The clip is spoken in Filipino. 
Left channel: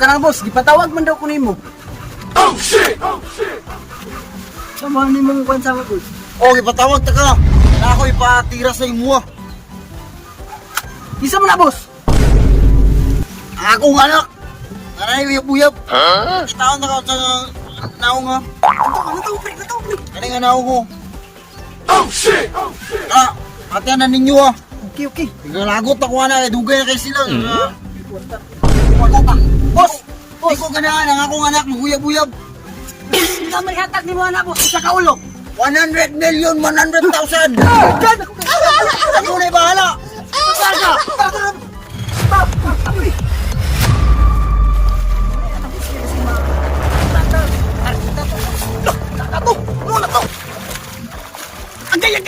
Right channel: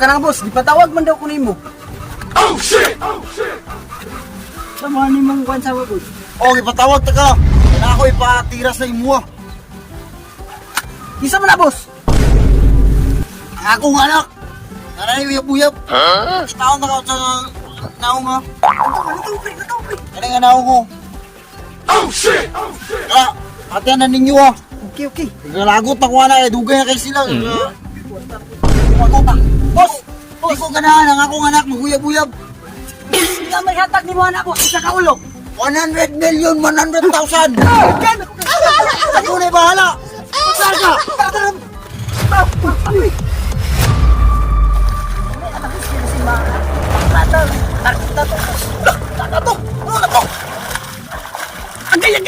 Kanang boss, gipatawag man daw ko nimo. Oh shit! Sama nimong kwan sa boss. Oh, ipatawag ta ka. Na ako ipatira sa imo. Isa man na boss. Akong anak. Aray, uyab-uyab. Itaon na ka sa naong mo. Nataw, pre. Ano nga naong mo? Oh shit! Atiyan na ninyo ah. Okay. Naglalagot ako na, dugay na kayo sila. Boss, Di ko ganahan ang akong anak, maguyab-uyab. hindi na may hatag ni mo anak boss sa kaulo. 100 million, 100,000. Diyan ako. Ako na bahala. Ang gaya!